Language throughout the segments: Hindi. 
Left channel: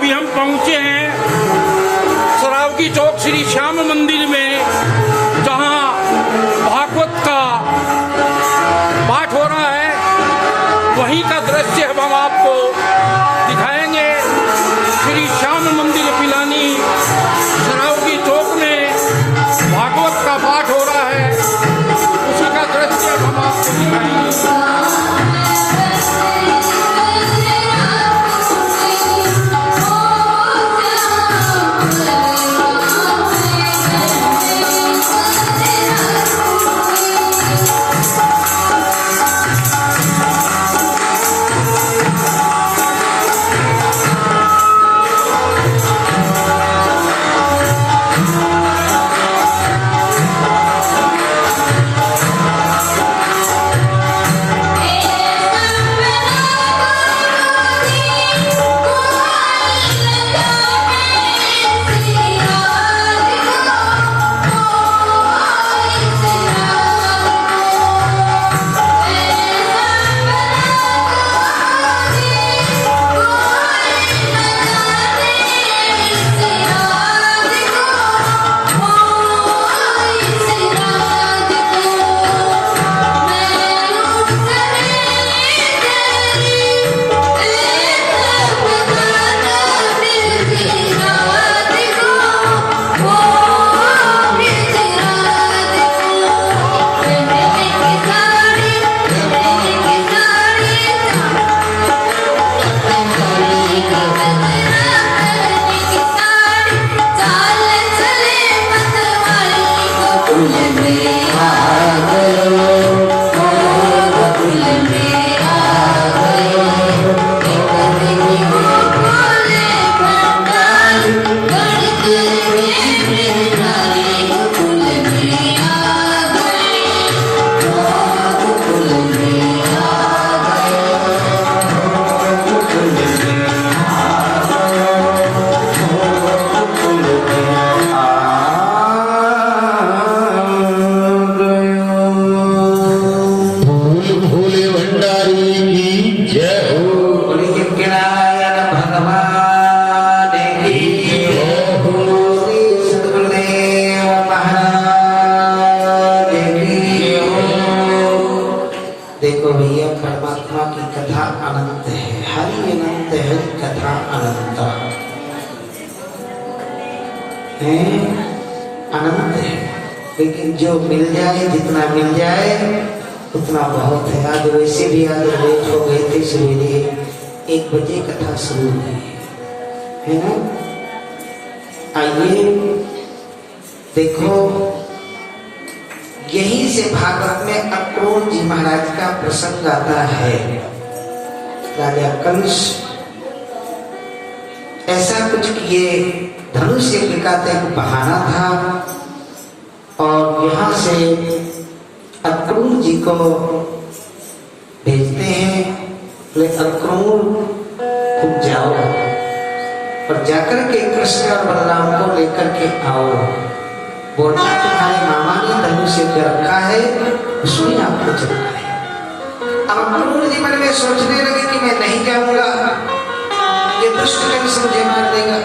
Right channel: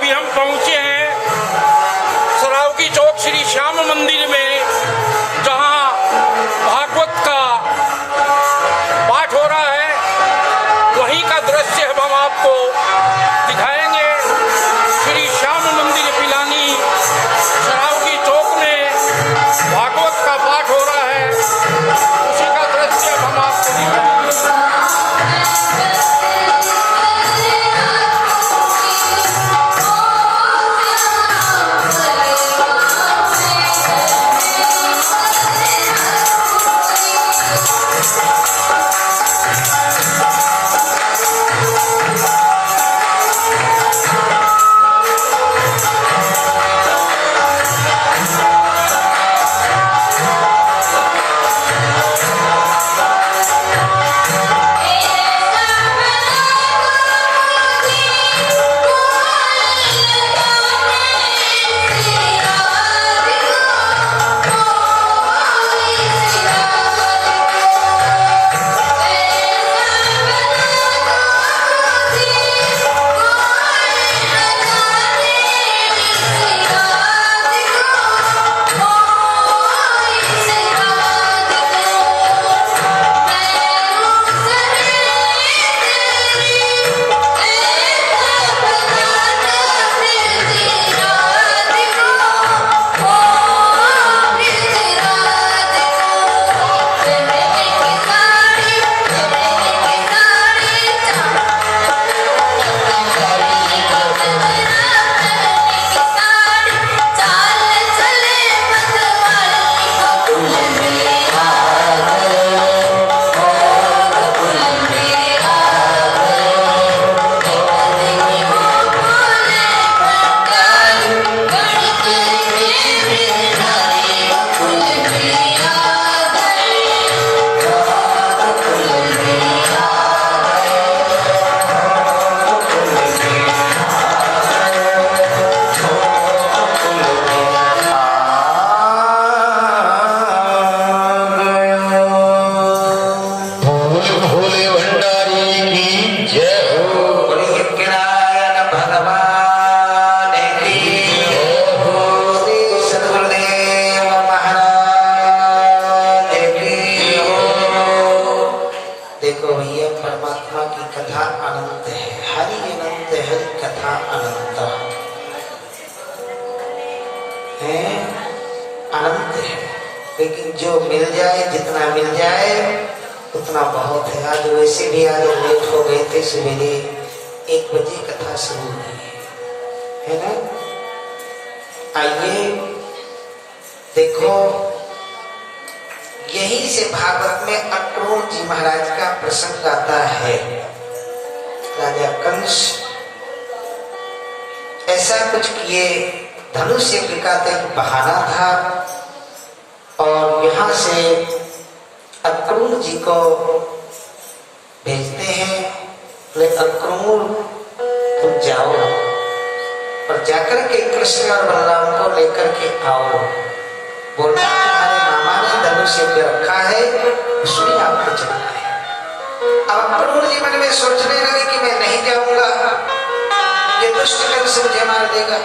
अभी हम पहुंचे हैं सरावगी चौक श्री श्याम मंदिर में, जहां भागवत का पाठ हो रहा है। वहीं का दृश्य हम आपको दिखाएंगे। श्री श्याम मंदिर पिलानी सरावगी चौक में भागवत का पाठ हो रहा है, उसी का दृश्य हम आपको दिखाएंगे। देखो भैया, परमात्मा की कथा अनंत है। हरि अनंत, हरि कथा अनंत है, अनंत है। लेकिन जो मिल जाए, जितना मिल जाए उतना बहुत है। आज वैसे भी आज लेट हो गए थे, सवेरे 1 बजे कथा शुरू हुई है ना। आइए देखो, यहीं से भागवत में अक्रूर जी महाराज का प्रसंग आता है। राजा कंस ऐसा कुछ किए, धनुष यज्ञ का एक बहाना था, और यहाँ से अक्रूर जी को भेजते हैं, बोले अक्रूर तुम जाओ और जाकर के कृष्ण और बलराम को लेकर के आओ। बोलना तुम्हारे मामा ने धनुष यज्ञ रखा है, उसमें आपको चलना है। अब अक्रूर जी मन में सोचने लगे कि मैं नहीं जाऊंगा, ये दुष्ट कंस मुझे मार देगा।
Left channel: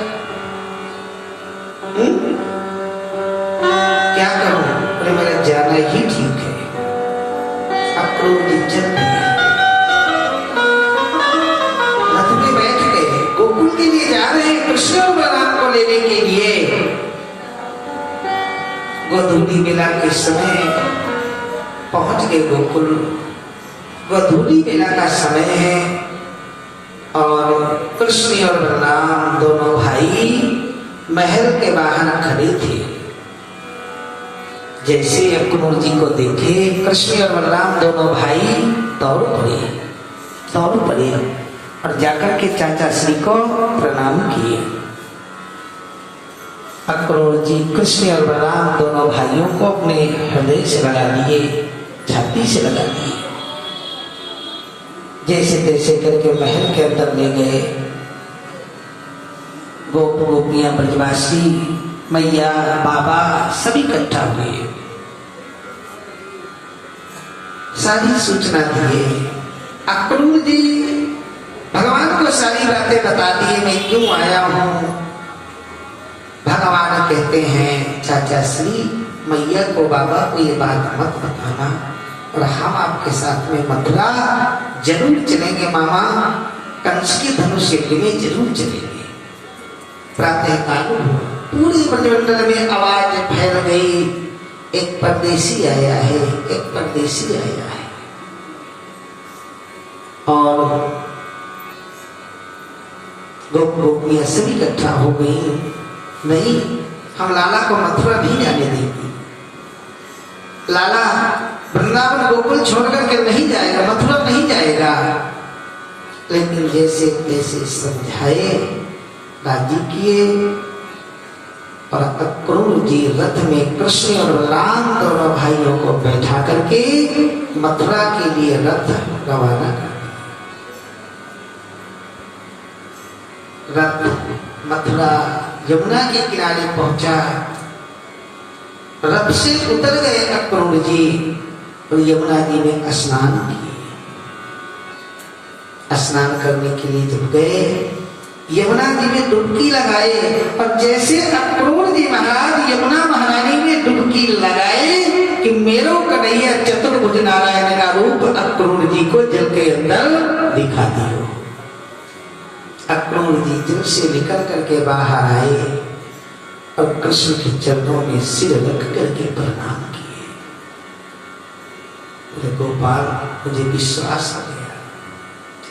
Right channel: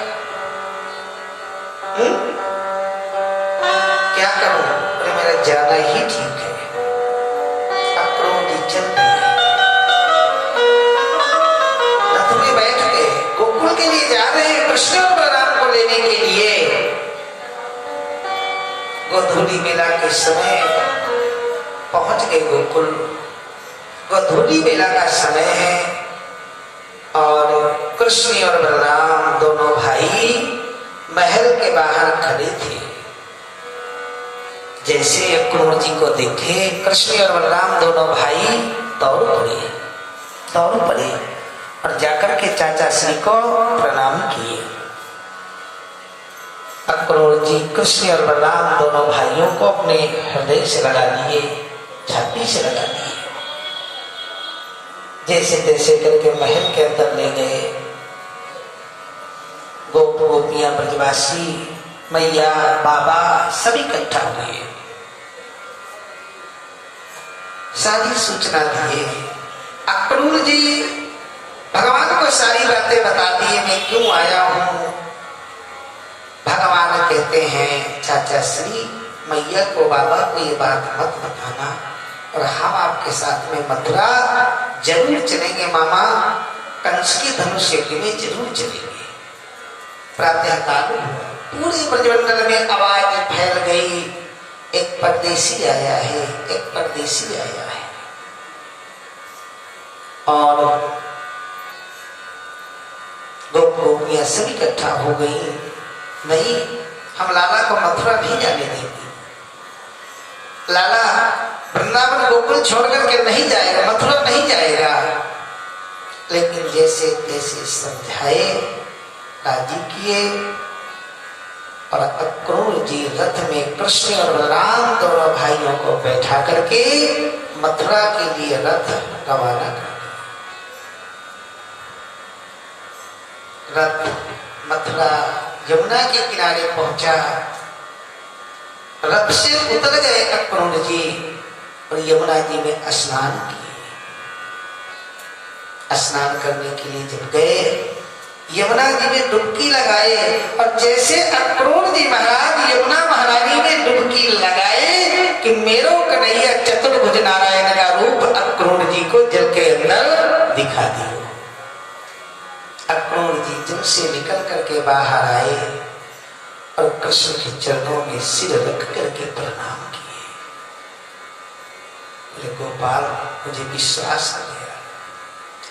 क्या करूं? अरे मेरा जाना ही ठीक है। अक्रूर जी चल दिए, रथ में बैठ गए, गोकुल के लिए जा रहे हैं, कृष्ण और बलराम को लेने के लिए। गोधूली बेला के समय पहुंच गए गोकुल। गोधूली बेला का समय है और कृष्ण और बलराम दोनों भाई महल के बाहर खड़े थे। जैसे अक्रूर जी को देखे, कृष्ण और बलराम दोनों भाई दौड़ पड़े और जाकर के चाचा श्री को प्रणाम किए। अक्रूर जी कृष्ण और बलराम दोनों भाइयों को अपने हृदय से लगा लिए, छाती से लगा लिए। जैसे तैसे करके महल के अंदर ले गए। गोप गोपियां, ब्रजवासी, मैया, बाबा सभी इकट्ठा हुए, सारी सूचना दिए। अक्रूर जी भगवान को सारी सारी बातें बता दी, मैं क्यों आया हूं। भगवान कहते हैं चाचा श्री मैया को, बाबा को ये बात मत बताना, और हम आपके साथ में मथुरा जरूर चलेंगे मामा, कंस की धनुष यज्ञ में जरूर चलेंगे। प्रातः काल पूरी ब्रजमंडल में आवाज फैल गई, एक परदेसी आया है, एक परदेसी आया है। और गोपियां सभी इकट्ठा हो गई, नहीं हम लाला को मथुरा नहीं जाने देंगे, लाला वृंदावन गोकुल छोड़ करके नहीं जाएगा, मथुरा नहीं जाएगा। लेकिन जैसे तैसे समझाए, राजी किए, और अक्रूर जी रथ में कृष्ण और बलराम दोनों भाइयों को बैठा करके मथुरा के लिए रथ रवाना कर। रथ मथुरा यमुना के किनारे पहुंचा, रथ से उतर गए अक्रूर जी और यमुना जी में स्नान किए। स्नान करने के लिए जब गए, यमुना जी में डुबकी लगाए, और जैसे अक्रूर जी महाराज यमुना महारानी में डुबकी लगाए कि मेरो कन्हैया चतुर्भुज नारायण का रूप अक्रूर जी को जल के अंदर दिखा दिया। अक्रूर जी जल से निकल करके बाहर आए और कृष्ण के चरणों में सिर रख करके प्रणाम किए। बोले गोपाल, मुझे विश्वास आ गया,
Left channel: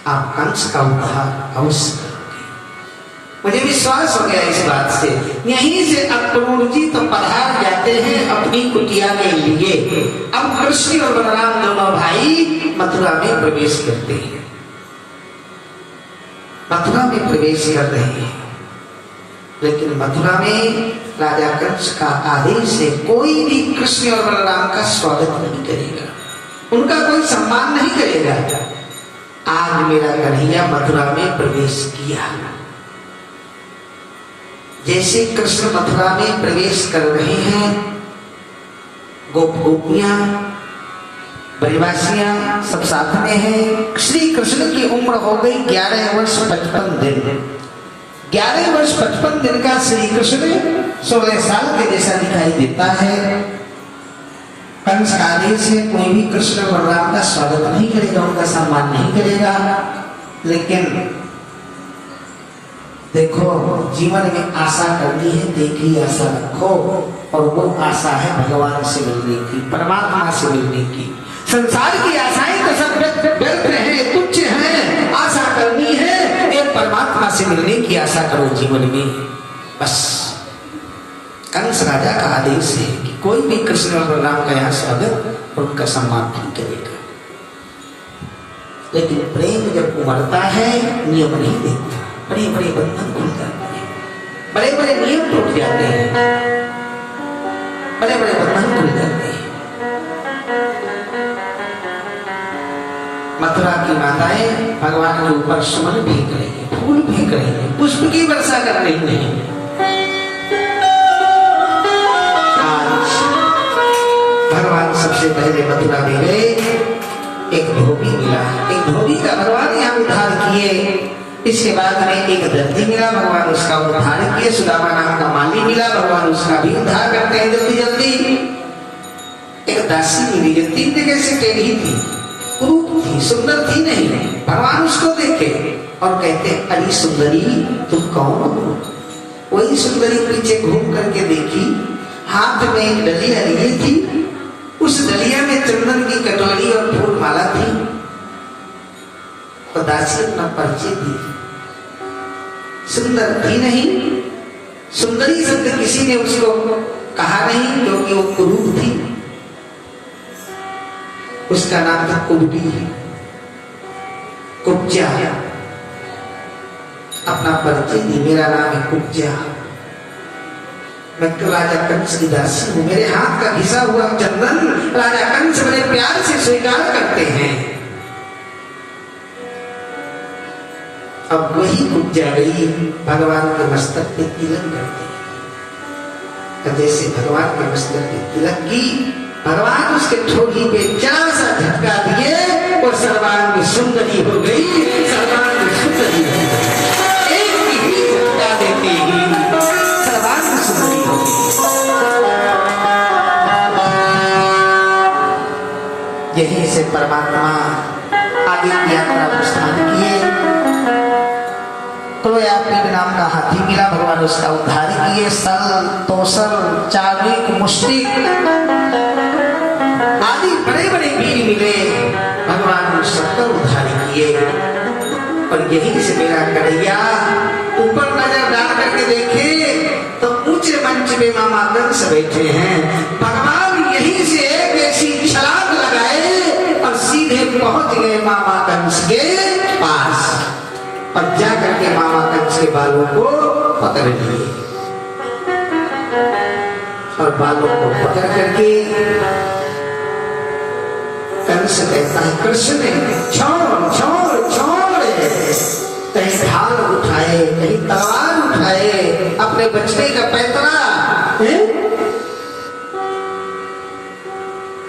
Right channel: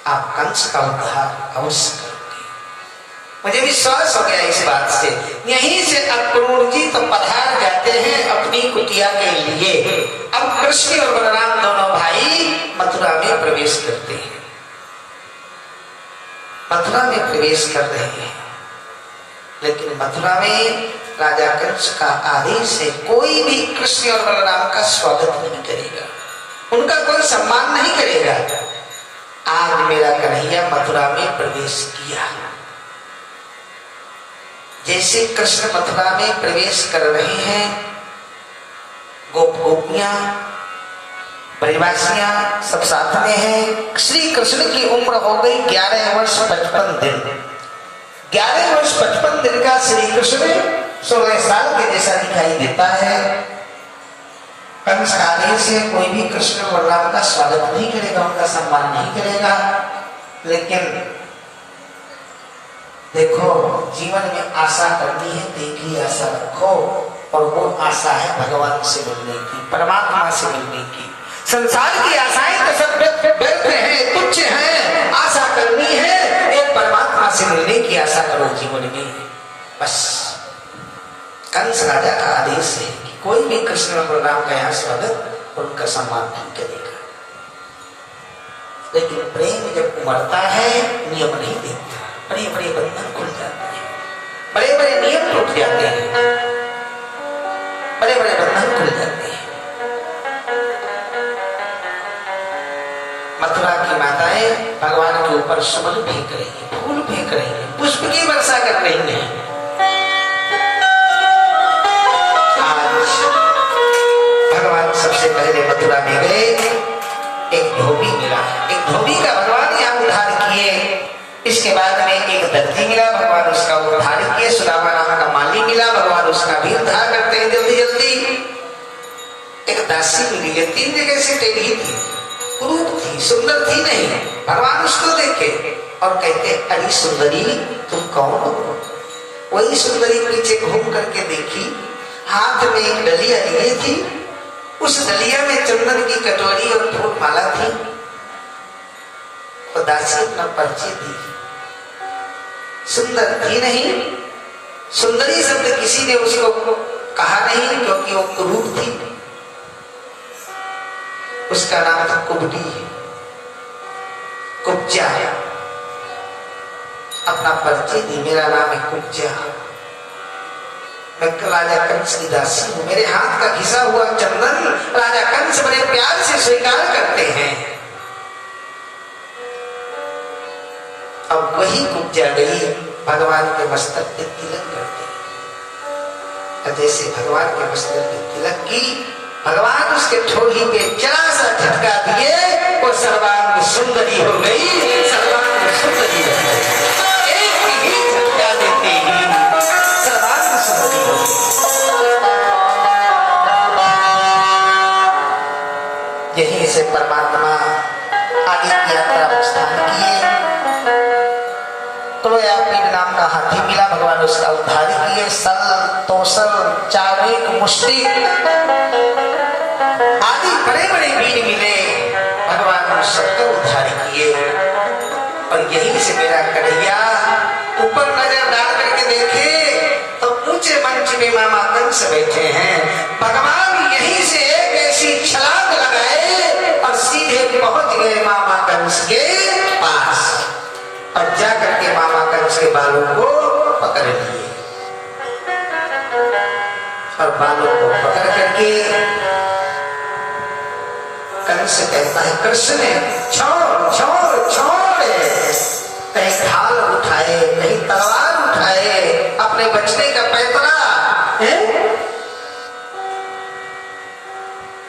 आप कंस का उद्धार अवश्य करोगे, मुझे विश्वास हो गया इस बात से। यहीं से अक्रूर जी तो पधार जाते हैं अपनी कुटिया के लिए। अब कृष्ण और बलराम दोनों भाई मथुरा में प्रवेश करते हैं, मथुरा में प्रवेश कर रहे हैं। लेकिन मथुरा में राजा कंस का आदेश है, कोई भी कृष्ण और बलराम का स्वागत नहीं करेगा, उनका कोई सम्मान नहीं करेगा। आज मेरा कन्हैया मथुरा में प्रवेश किया। जैसे कृष्ण मथुरा में प्रवेश कर रहे हैं, गोपियां परिवासियां सब साथ में हैं। श्री कृष्ण की उम्र हो गई 11 वर्ष 55 दिन। 11 वर्ष 55 दिन का श्री कृष्ण 16 साल के जैसा दिखाई देता है। कंस का आदेश से कोई भी कृष्ण और बलराम का स्वागत नहीं करेगा, उनका सम्मान नहीं करेगा। लेकिन देखो, जीवन में आशा करनी है, देखी आशा रखो, और वो आशा है भगवान से मिलने की, परमात्मा से मिलने की। संसार की आशाएं तो सब व्यर्थ हैं, तुच्छ हैं। आशा करनी है एक परमात्मा से मिलने की आशा करो जीवन में, बस। कंस राजा का आदेश है कि कोई भी कृष्ण और बलराम का यहाँ स्वागत और उनका सम्मान नहीं करेगा। लेकिन प्रेम जब उमड़ता है, नियम नहीं देता, बड़े बड़े बंधन खुल जाते हैं, बड़े बड़े नियम टूट जाते हैं, बड़े बड़े बंधन खुल जाते हैं। मथुरा की माताएं भगवान के ऊपर सुमन फेंक रही है, फूल फेंक रही है, पुष्प की वर्षा कर रही है। आज भगवान सबसे पहले मथुरा में गए, एक धोबी मिला, एक धोबी का भगवान यहाँ उद्धार किए। इसके बाद में एक दर्जी मिला, भगवान उसका उद्धार किए। सुदामा नाम का माली मिला, भगवान उसका भी उद्धार करते हैं जल्दी जल्दी। एक दासी मिली है, 3 जगह से टेढ़ी थी, रूप थी, सुंदर थी नहीं। भगवान उसको देखे और कहते, अरे सुंदरी तुम कौन हो? वही सुंदरी पीछे घूम करके देखी, हाथ में एक डलिया लिए थी, उस डलिया में चंदन की कटोरी और फूल माला थी। और दासी अपना परिचय दी, सुंदर थी नहीं, सुंदरी शब्द किसी ने उसको कहा नहीं, क्योंकि वो कुरूप थी। उसका नाम था कुबटी, कुब्जा। अपना परिचय दी, मेरा नाम है कुब्जा, मैं राजा कंस की दासी हूं। मेरे हाथ का घिसा हुआ चंदन राजा कंस बड़े प्यार से स्वीकार करते हैं। अब वही कुब्जा गई भगवान के मस्तक पे तिलक करती। जैसे भगवान के मस्तक पे तिलक की, भगवान उसके ठोड़ी पे जरा सा झटका दिए, वो सर्वांग सुंदरी हो गई, सर्वांग सुंदरी हो गई। परमात्मा आगे की यात्रा प्रस्थान किए। तो पीड़ नाम का हाथी मिला, भगवान उसका उद्धार किए। सल तोसल चारिक मुष्टिक आदि बड़े बड़े वीर मिले, भगवान ने सबका उद्धार किए। और यही से मेरा कन्हैया ऊपर नजर डाल करके देखे तो ऊंचे मंच में मामा कंस बैठे हैं। भगवान यहीं से एक ऐसी छलांग लगाए और सीधे पहुंच गए मामा कंस के पास और जाकर के मामा कंस के बालों को पकड़ लिए और बालों को पकड़ करके कंस कहता है, कृष्ण छोड़ छोड़ छोड़। कहीं ढाल उठाए, कहीं तलवार उठाए, अपने बचने का पैतरा।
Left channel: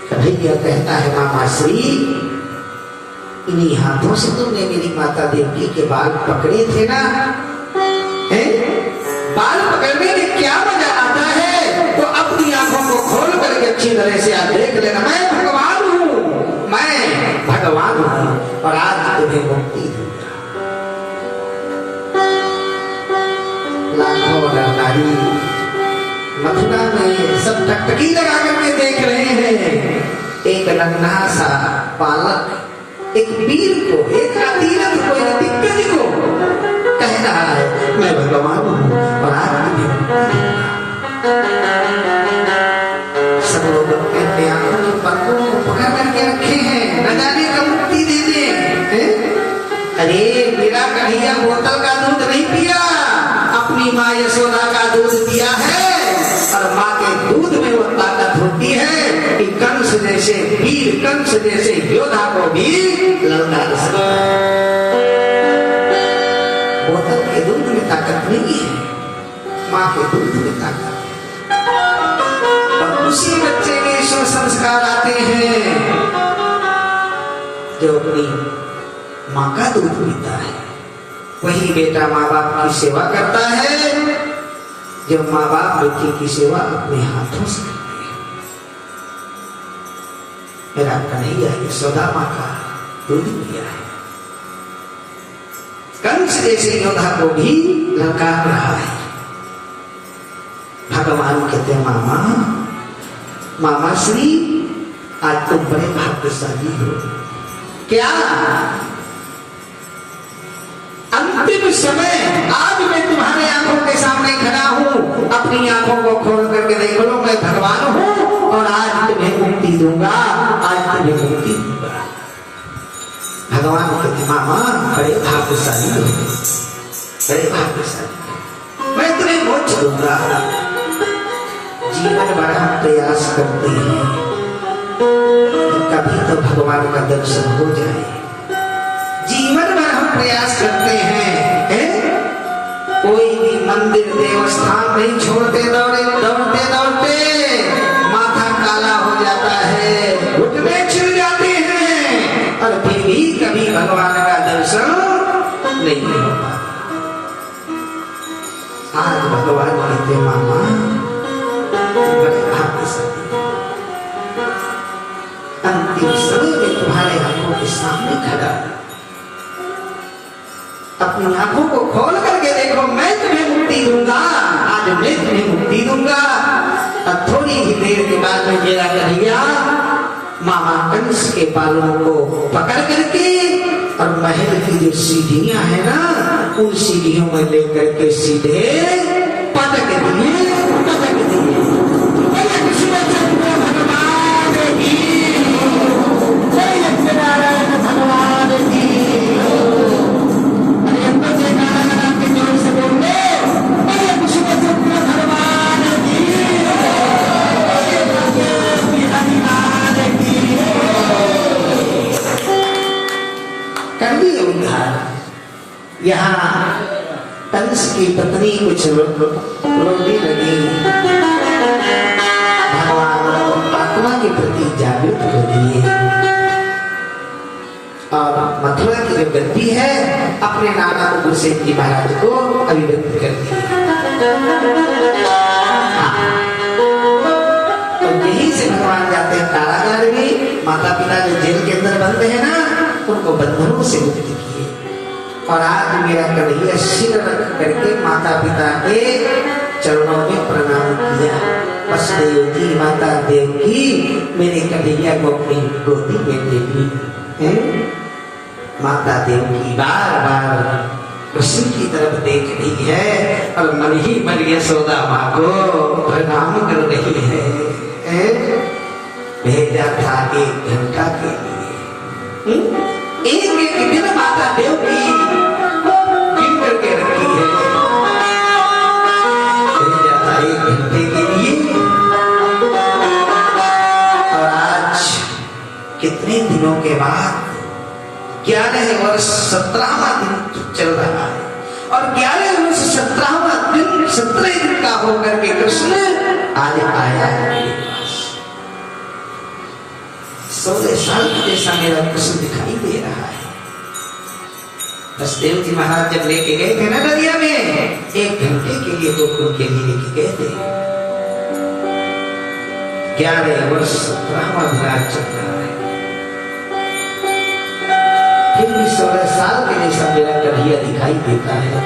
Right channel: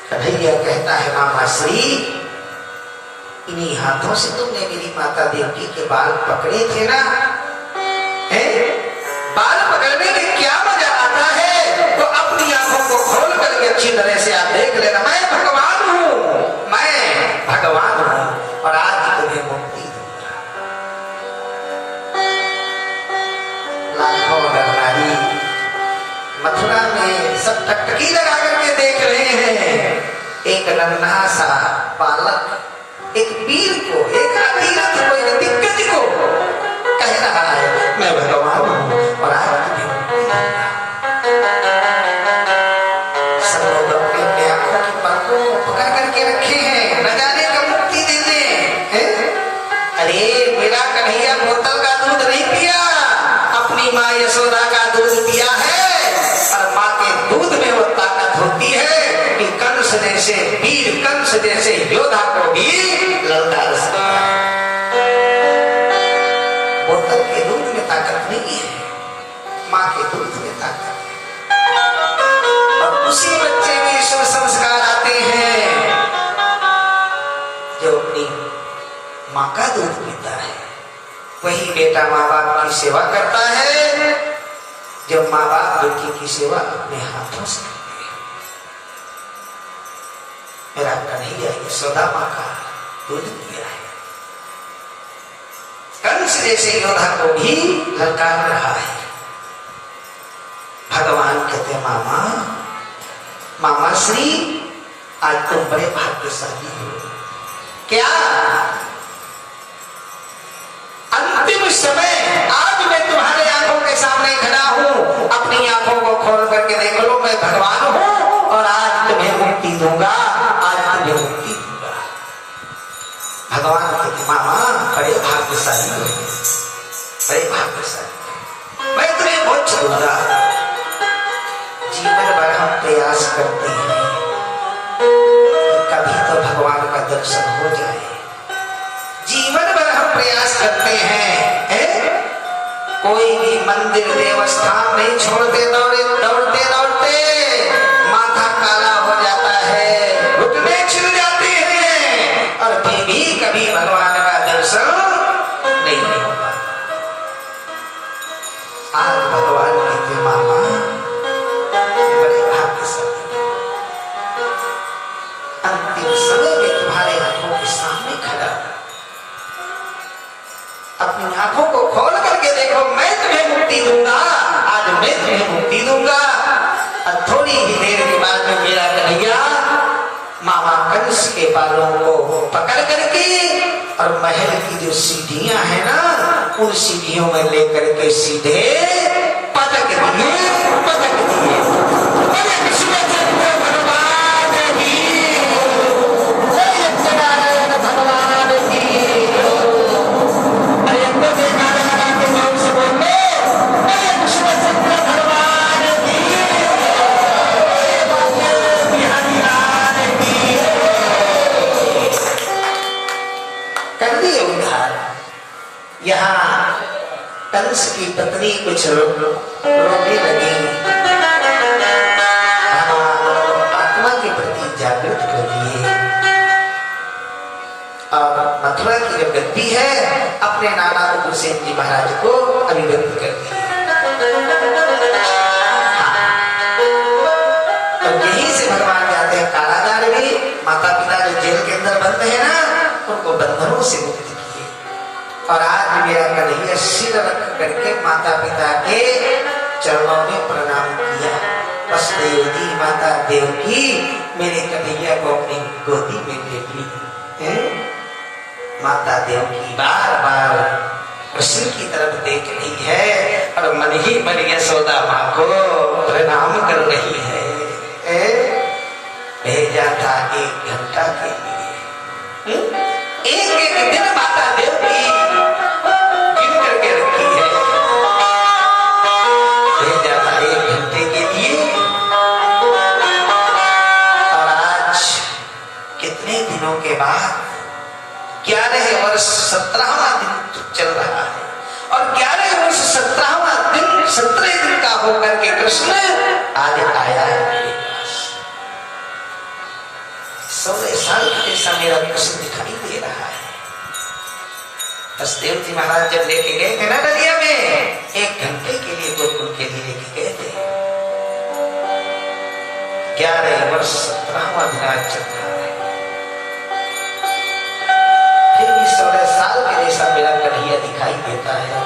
कन्हैया कहता है, मामा श्री इन्हीं हाथों से तुमने मेरी माता देवकी के बाल पकड़े थे ना? बाल पकड़ने में क्या मजा आता है? तो अपनी आंखों को खोल करके अच्छी तरह से आप देख लेना, मैं भगवान हूँ, मैं भगवान हूँ और आज तुम्हें मुक्ति दूंगा। लाखों नरनारी मथुरा में सब टकटकी लगा करके देख रहे हैं। एक नन्हा सा बालक एक वीर को, एक अतीरथ को, एक दिग्गज को कह रहा है, मैं भगवान हूँ और आज तुम्हें मुक्ति दूंगा। सब लोग अपने अपने आंखों की पलकों को पकड़ करके रखे हैं, न जाने कब मुक्ति दे दे। अरे मेरा कन्हैया बोतल का दूध नहीं पिया, अपनी माँ यशोदा का दूध पिया है और माँ के दूध में वो ताकत होती है कि कंस जैसे वीर, कंस जैसे योद्धा को भी ललकार सकता है। बोतल के दूध में ताकत नहीं है, माँ के दूध में ताकत है। और उसी बच्चे में ईश्वर संस्कार आते हैं जो अपनी माँ का दूध पीता है। वही बेटा माँ बाप की सेवा करता है, जब माँ बाप बेटी की सेवा अपने हाथों से करते हैं। मेरा कन्हैया यशोदा माँ का दूध पिया है। कंस जैसे योद्धा को भी ललकार रहा है। भगवान कहते मामा, मामा श्री आज तुम बड़े भाग्यशाली हो। क्या अंतिम समय आज मैं तुम्हारे आंखों के सामने खड़ा हूं, अपनी आंखों को खोल करके देख लो, मैं भगवान हूं और आज तुम्हें मुक्ति दूंगा, आज तुम्हें मुक्ति दूंगा। भगवान कहते मामा बड़े भाग्यशाली हो, बड़े भाग्यशाली, मैं तुम्हें मोक्ष दूंगा। जीवन भर हम प्रयास करते हैं कभी तो भगवान का दर्शन हो जाए। जीवन भर हम प्रयास करते हैं, कोई भी मंदिर देवस्थान नहीं छोड़ते, दौड़ते दौड़ते माथा काला हो जाता है, घुटने छिल जाते हैं और फिर भी कभी भगवान का दर्शन नहीं हो पाता। आज भगवान कहते मामा बड़े भाग्यशाली, अंतिम समय में तुम्हारे आंखों के सामने खड़ा, अपनी आंखों को खोल करके देखो, मैं तुम्हें मुक्ति दूंगा, आज मैं तुम्हें मुक्ति दूंगा। और थोड़ी ही देर के बाद में मेरा कन्हैया मामा कंस के बालों को पकड़ करके और महल की जो सीढ़ियां है ना, उन सीढ़ियों में लेकर के सीधे पटक दिए। यहाँ कंस की पत्नी कुछ रोने लगी, भगवान आत्मा के प्रति जागृत कर दिए और मथुरा की जो गद्दी है अपने नाना उग्रसेन जी महाराज को अभिव्यक्त कर दी। तो यही से भगवान जाते हैं कारागार में, माता पिता जो जेल के अंदर बंद है ना, उनको बंधनों से मुक्त किए। और आज मेरा कन्हैया सिर रख करके माता पिता के चरणों में प्रणाम किया। वसुदेव जी माता देवकी मेरे कन्हैया को अपनी गोदी में ले ली। माता देवकी बार बार कृष्ण की तरफ देख रही है और मन ही मन यशोदा माँ को प्रणाम कर रही है। भेजा था 1 घंटा के लिए, एक दिन माता देवकी गिन करके रखी है। भेजा था 1 घंटे के लिए और आज कितने दिनों के बाद 11 वर्ष 17वां दिन चल रहा है और 11 वर्ष 17वां दिन 17 दिन का होकर के कृष्ण आज आया है मेरे पास। 16 साल का जैसा मेरा कृष्ण दिखाई दे रहा है। वसुदेव जी महाराज जब लेके गए थे ना दरिया में, 1 घंटे के लिए गोकुल के लिए लेके गए थे। 11 वर्ष 17वां दिन आज चल रहा है। फिर भी 16 साल के जैसा मेरा कन्हैया दिखाई देता है।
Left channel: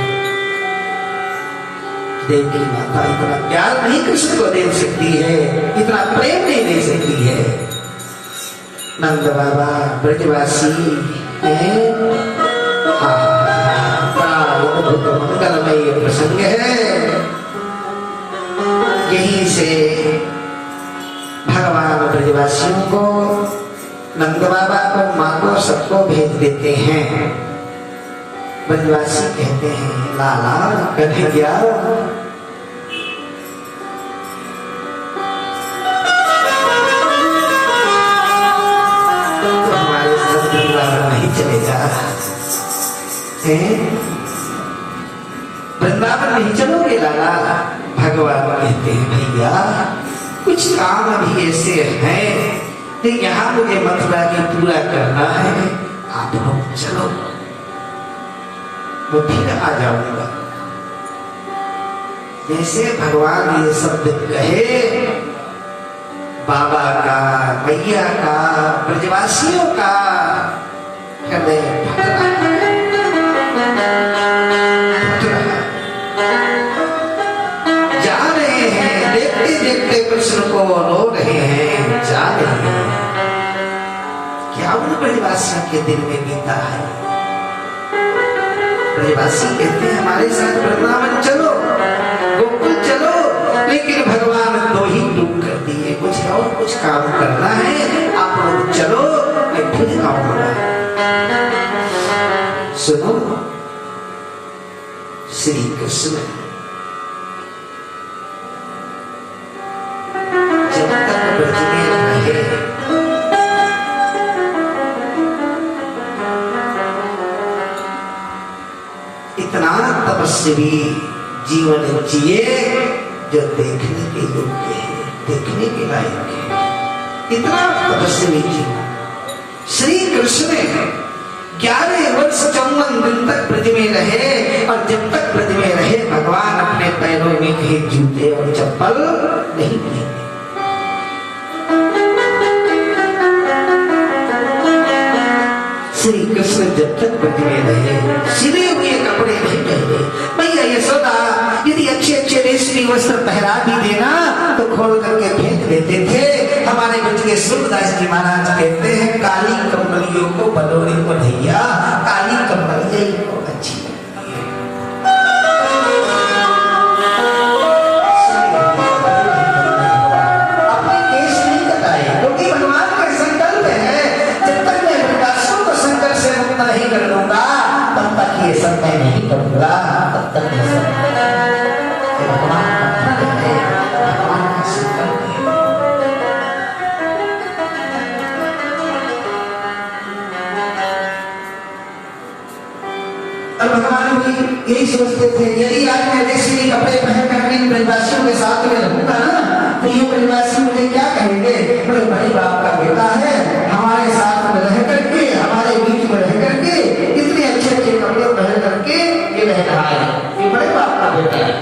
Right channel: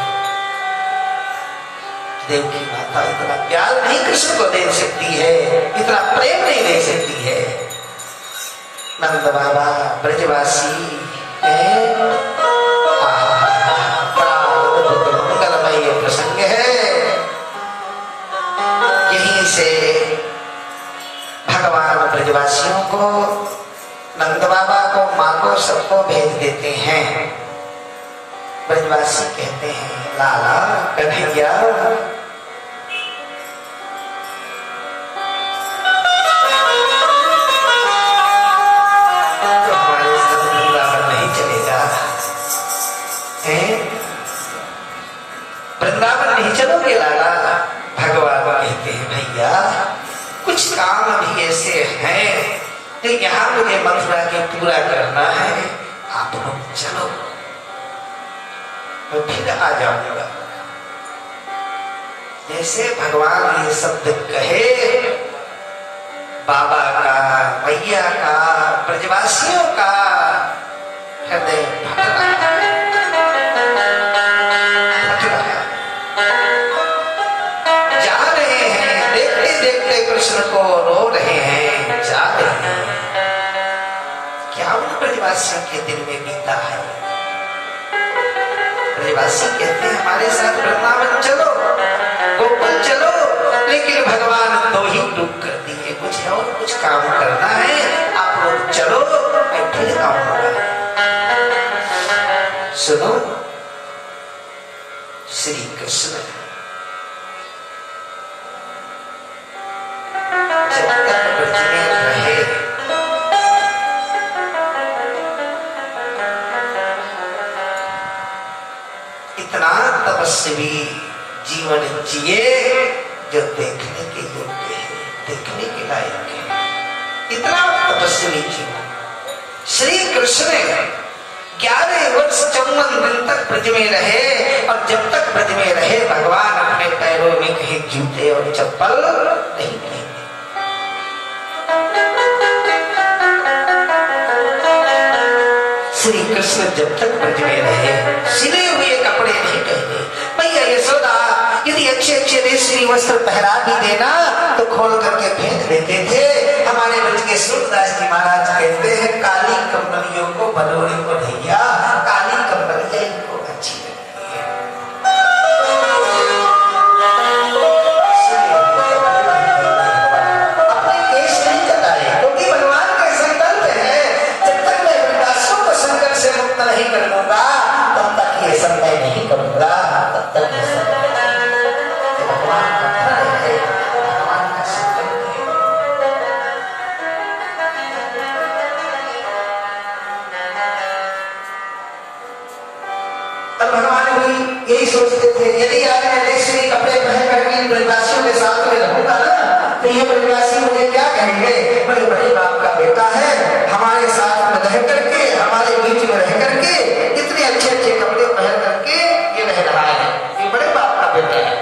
देवकी माता इतना प्यार नहीं कृष्ण को दे सकती है, इतना प्रेम नहीं दे सकती है। नंद बाबा ब्रजवासी मंगलमय प्रसंग है। यहीं से भगवान ब्रजवासियों को, नंद बाबा को, माँ को, सबको भेज देते हैं। ब्रजवासी कहते हैं लाला कन्हैया तो हमारे साथ वृंदावन नहीं चलेगा, वृंदावन नहीं चलोगे लाला? भगवान कहते हैं भैया कुछ काम अभी ऐसे हैं तो यहाँ मुझे मथुरा की पूरा करना है, आप लोग चलो, मैं फिर आ जाऊंगा। जैसे भगवान ये शब्द कहे, बाबा का, मैया का, ब्रजवासियों का हृदय फट रहा है। जा रहे हैं, देखते देखते कृष्ण को रो रहे हैं, जा रहे हैं। क्या उन ब्रजवासियों के दिल में बीता है? ब्रजवासी कहते हैं हमारे साथ वृंदावन चलो, गोकुल चलो, लेकिन भगवान 2 ही टूक कर दिए, कुछ और कुछ काम करना है, आप लोग चलो, मैं फिर आऊंगा। सुनो, श्री कृष्ण जब तक ब्रज में रहे, इतना तपस्वी जीवन जिए जो देखने के योग्य है, देखने के लायक है। इतना तपस्वी जीवन श्री कृष्ण 11 वर्ष 54 दिन तक ब्रज में रहे और जब तक ब्रज में रहे भगवान अपने पैरों में कहीं जूते और चप्पल नहीं पहने। श्री कृष्ण जब तक ब्रज में रहे सिले हुए कपड़े नहीं पहने। भैया यशोदा यदि अच्छे अच्छे रेशमी वस्त्र पहरा भी देना तो खोल करके फेंक देते थे। हमारे ब्रज के सूरदास जी महाराज कहते हैं काली कंबलियों को बलोड़ी को भैया काली कंबलियां इनको अच्छी लगती है। अपने केश नहीं कटाए क्योंकि भगवान का संकल्प है जब तक मैं ब्रजवासियों को संकट से मुक्त नहीं कर दूंगा तब तक ये सब मैं नहीं करूंगा, तब तक ये सब भगवान का संकल्प है। और भगवान भी यही सोचते थे यदि आज मैं रेशमी कपड़े पहन कर ब्रजवासियों के साथ में रहूंगा ना तो ये ब्रजवासी मुझे क्या कहेंगे, मेरे बड़े बाप का बेटा है, हमारे साथ में रह करके, हमारे बीच में रह करके इतने अच्छे अच्छे कपड़े पहन करके ये रह रहा है, ये बड़े बाप का बेटा है।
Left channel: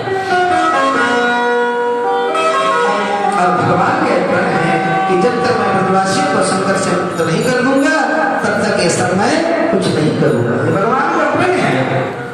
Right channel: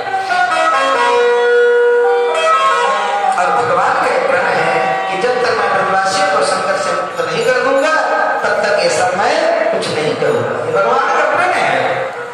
और भगवान का प्रण है कि जब तक मैं ब्रजवासियों को संकट से मुक्त नहीं कर दूंगा कुछ नहीं करूंगा। ये भगवान का प्रण है।